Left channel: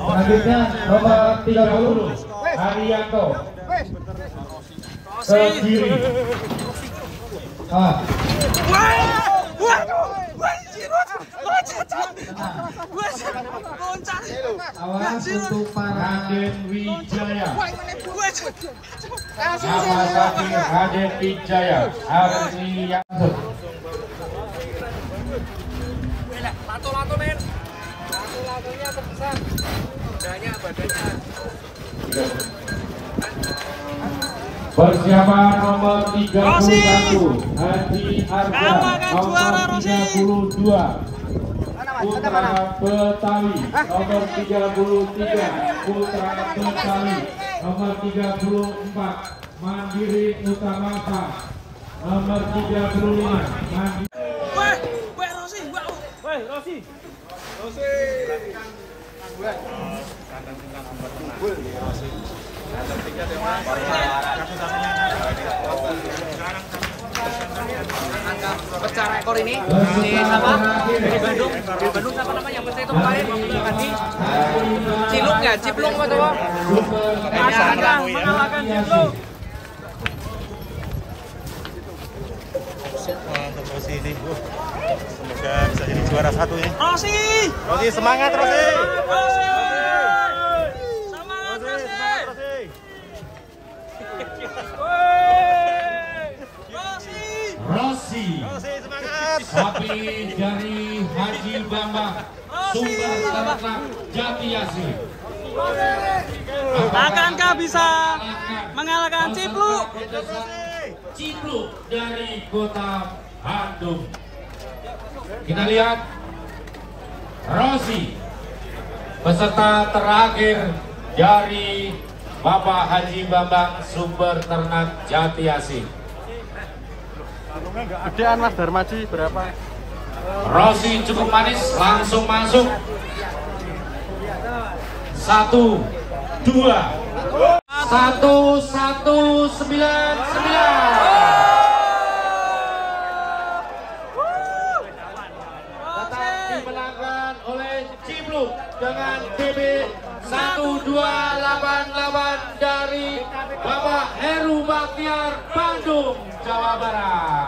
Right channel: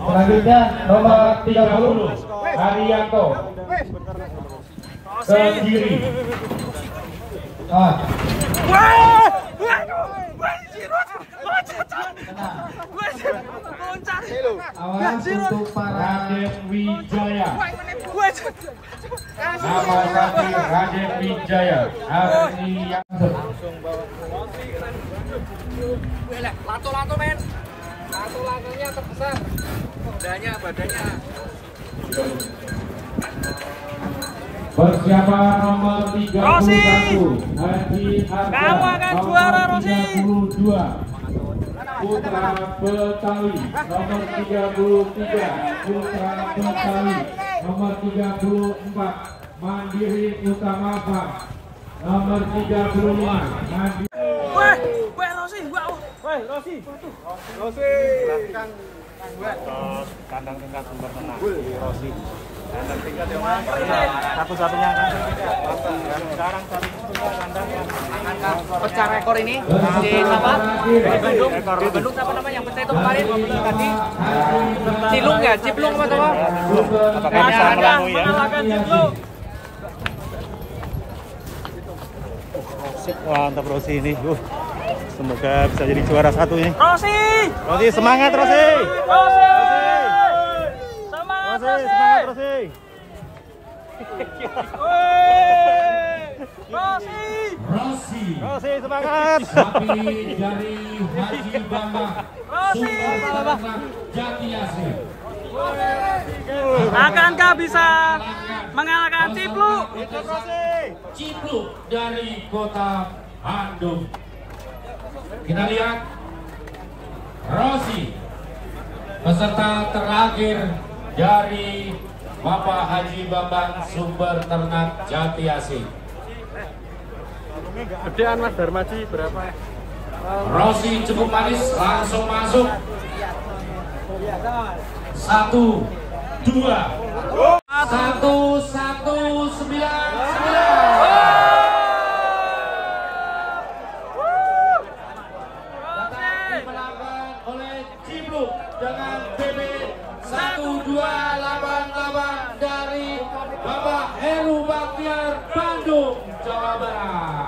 Selanjutnya nomor 30 Haryanto ke kiri. Raden Wijaya. Nama sapi Raden Wijaya. Hari yang lato-lato men. Lato-latonya terbesar. Badannya. Persiapan nomor 31 Rosi. Haji Arga. Kamu akan juara, Rosi. 32 Putra Betawi. Nomor 33 Putra Betawi. Nomor 34 Mandiri Utamasa. Nomor 35 Mandiri. Weh Rosi, wow. Weh Rosi. Satu-satunya sekarang pecah rekor ini di apa? Di Bandung apa namanya yang pecah itu kemarin pagi Ciluk ya, Cipluk atau mantap Rosi ini. Semoga bisa jadi juara satu ini. Rosi Semangat Rosi. Semangat Rosi. Rosi Semangat. sapi dari Haji Bambang Sumber Ternak Jati Asih. Akankah bisa mengalahkan Cipluk? Cipluk dari kota Bandung. Kita lihat Rosi peserta terakhir dari Bapak Haji Bambang Sumber Ternak Jati Asih. Gedean Mas Darmaji berapa? Rosi cukup manis, langsung masuk. 1, 2, 1, 1, 9, 9. Dimenangkan oleh Cipluk dengan TB 1288 dari Bapak Heru Baktiar, Bandung, Jawa Barat.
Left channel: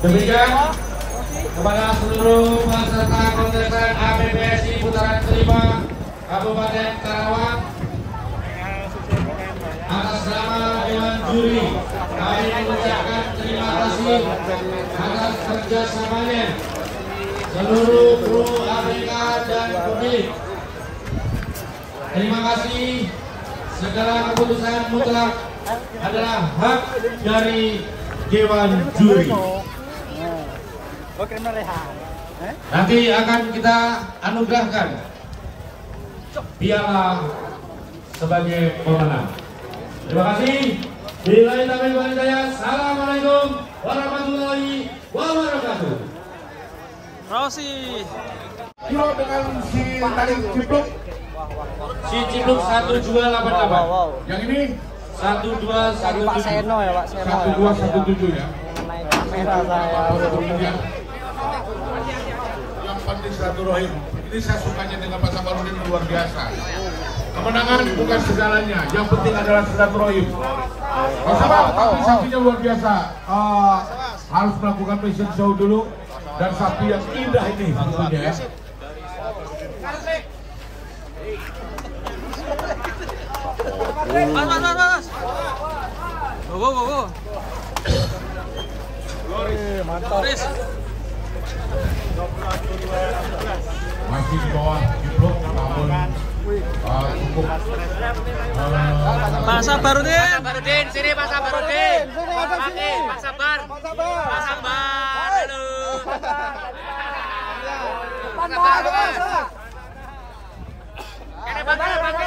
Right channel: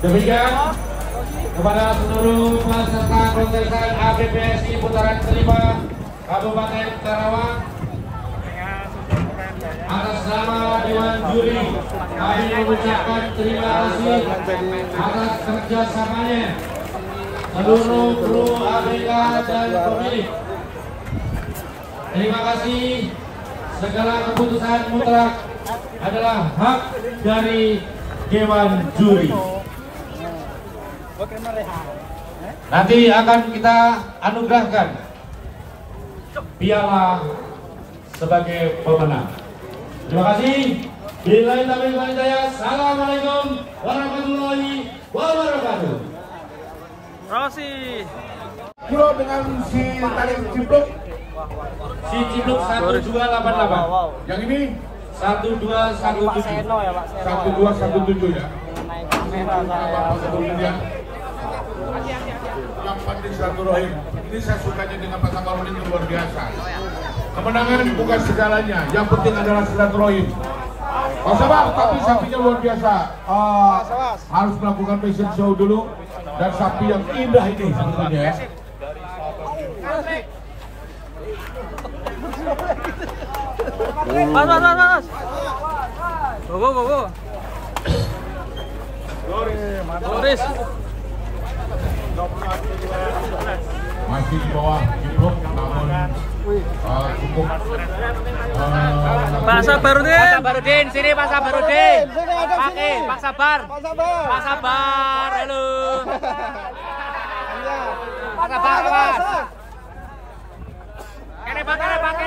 Demikian kepada seluruh peserta kontestan APPSI putaran kelima Kabupaten Karawang, atas nama Dewan Juri kami mengucapkan terima kasih atas kerjasamanya seluruh kru Afrika dan pemilik. Terima kasih, segala keputusan mutlak adalah hak dari Dewan Juri. Nanti akan kita anugerahkan piala sebagai pemenang. Terima kasih. Billahi taufiq wal hidayah. Assalamualaikum warahmatullahi wabarakatuh. Rosi. Kilo dengan si tadi Cipluk. Si Cipluk 1288. Yang ini 1217. 1217 ya. Yang penting silaturahim. Ini saya sukanya dengan Pak Sabarudin luar biasa. Kemenangan bukan segalanya, yang penting adalah silaturahim. Pak Sabar, tapi sapinya luar biasa. Harus melakukan fashion show dulu dan sapi yang indah ini tentunya ya. Mas. Go. Boris. Masih di bawah Cipluk, namun cukup. Pak Sabarudin. Sini Pak Sabarudin. Pak Sabar. Pak Sabar. Halo. Pak Sabar, Pak. Ini Nampaknya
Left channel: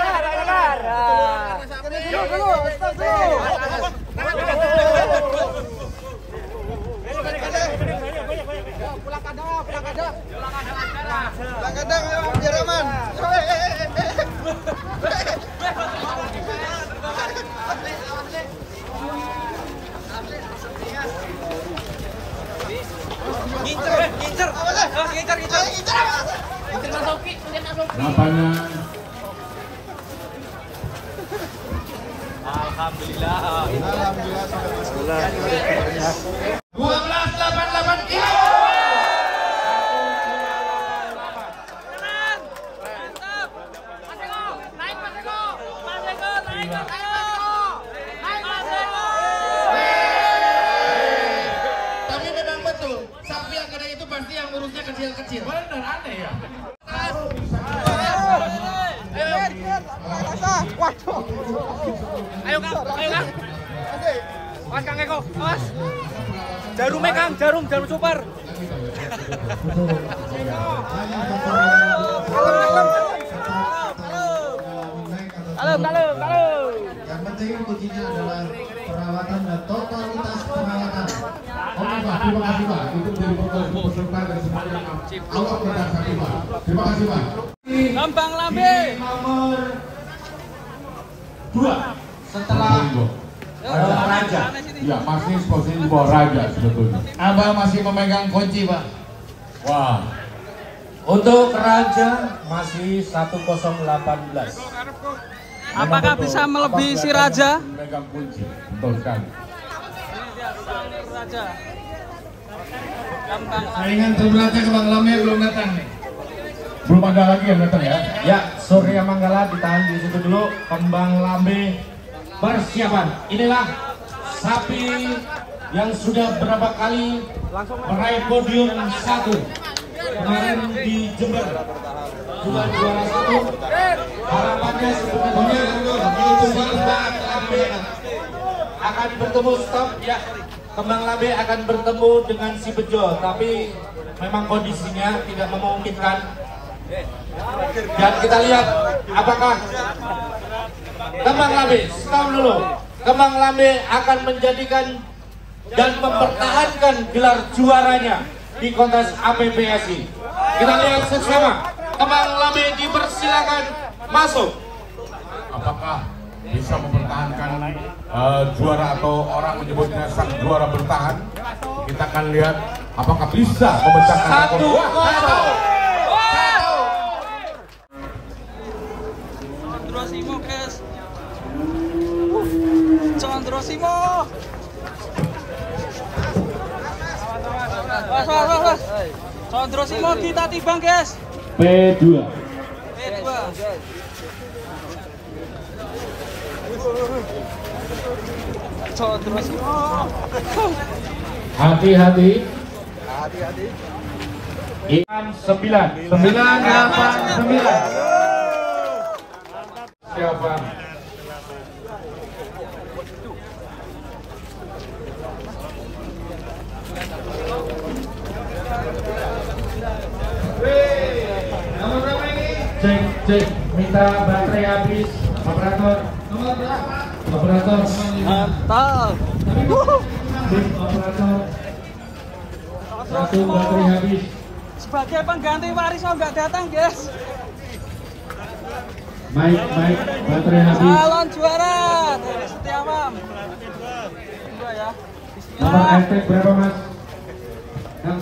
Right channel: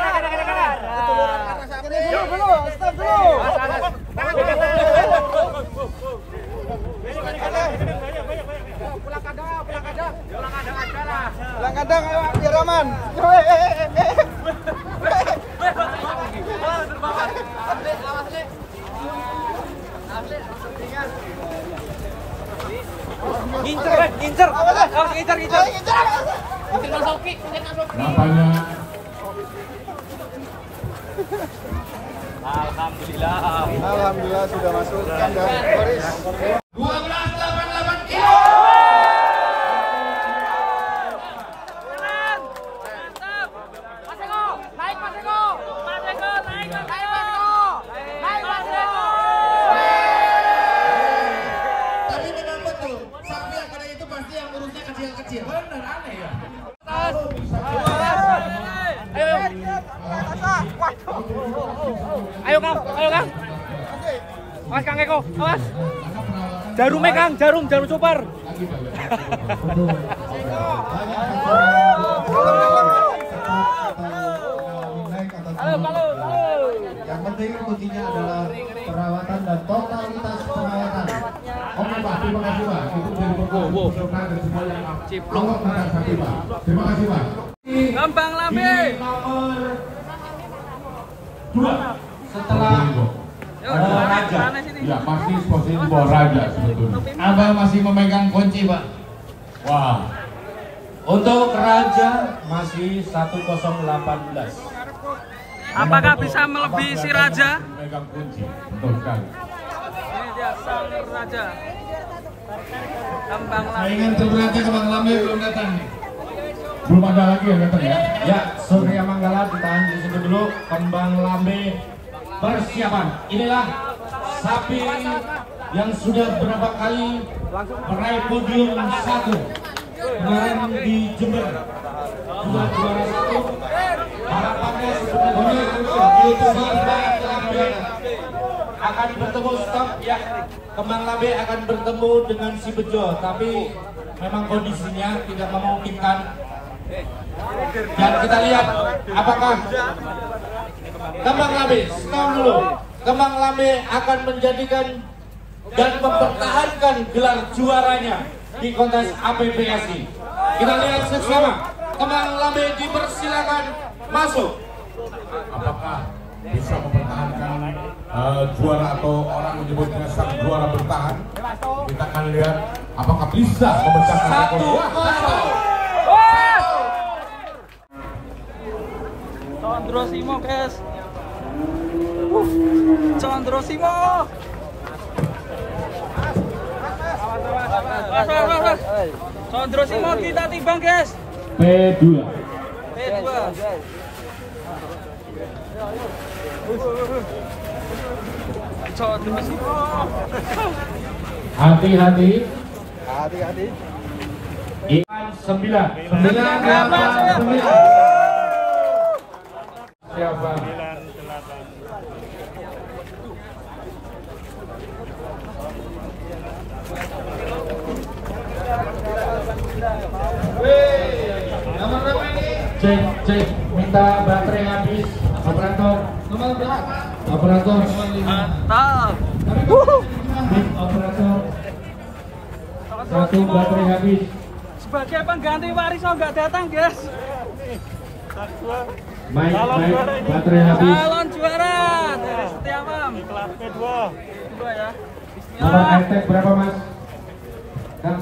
Alhamdulillah sudah masukkan dari 1288 kilo. Tapi memang betul, sapi yang gede itu pasti yang urusnya kecil-kecil. Bener aneh ya. Ayo Kang, ayo Kang. Mas Kang Eko, awas. Jarumnya Kang, jarum super. Yang penting kuncinya adalah perawatan dan totalitas perawatan. Oke Pak, terima kasih Pak. Itu jadi peserta dan semua yang awak benar sapi Pak. Terima kasih Pak. Kembang Lambe. Nomor 2 setelah Kemana sini? ya pasti posisi Boraja sebetulnya. Abang masih memegang kunci, Pak. Wah. Untuk Raja masih 1018. Apakah bisa melebihi si Raja? Memegang kunci. Betul sekali. Ini dia sang Raja. Kembang Lambe. Saingan Raja Kembang Lambe belum datang. Belum ada lagi yang datang ya. Ya, Surya Manggala ditahan di situ dulu. Kembang Lambe persiapan. Inilah sapi yang sudah berapa kali meraih podium 1. Kemarin di Jember 2 juara 1. Harapannya sebenarnya ini akan bertemu stop ya. Kembang Lambe akan bertemu dengan si Bejo, tapi memang kondisinya tidak memungkinkan. Dan kita lihat apakah Kembang Lambe, stop dulu. Kembang Lambe akan menjadikan dan mempertahankan gelar juaranya di kontes APBSI. Kita lihat bersama. Kembang Lambe dipersilakan masuk. Apakah bisa mempertahankan juara atau orang menyebutnya sang juara bertahan? Kita akan lihat apakah bisa memecahkan rekor. 1-0. Condrosimo guys. Condrosimo. Was. Condrosimo kita timbang guys. P2. P2. Condrosimo. Hati-hati. Ikan 9. 9. Siapa? Cek, minta baterai habis. Operator. Operator. Mantap. Operator. Satu baterai habis. Sebagai pengganti Wariso nggak datang guys. Baik, baterai habis. Calon juara dari Setiawam. Dua ya. Nomor Bismillah. hashtag berapa Mas? Kang.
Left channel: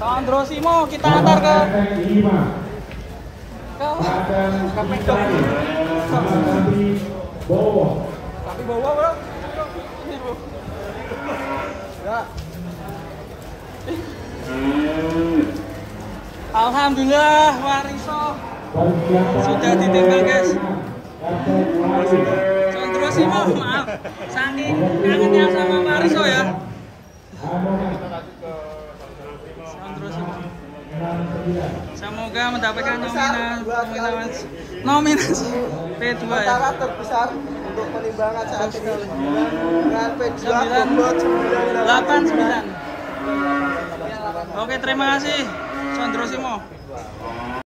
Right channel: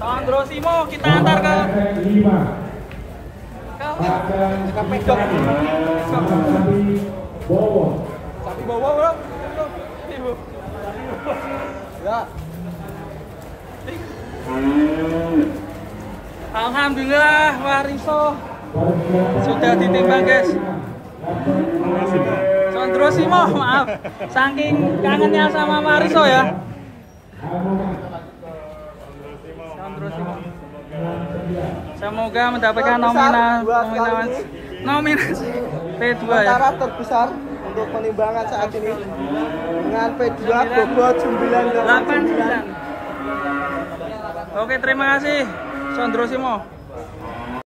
Condrosimo kita antar ke Hashtag 5. Padang Kitani. Mas Bowo. Alhamdulillah Wariso sudah ditimbang guys. Condrosimo, maaf, saking kangennya sama Wariso ya. Condrosimo. Semoga mendapatkan nominasi P2 ya. 989. Oke, terima kasih Sondro Simo.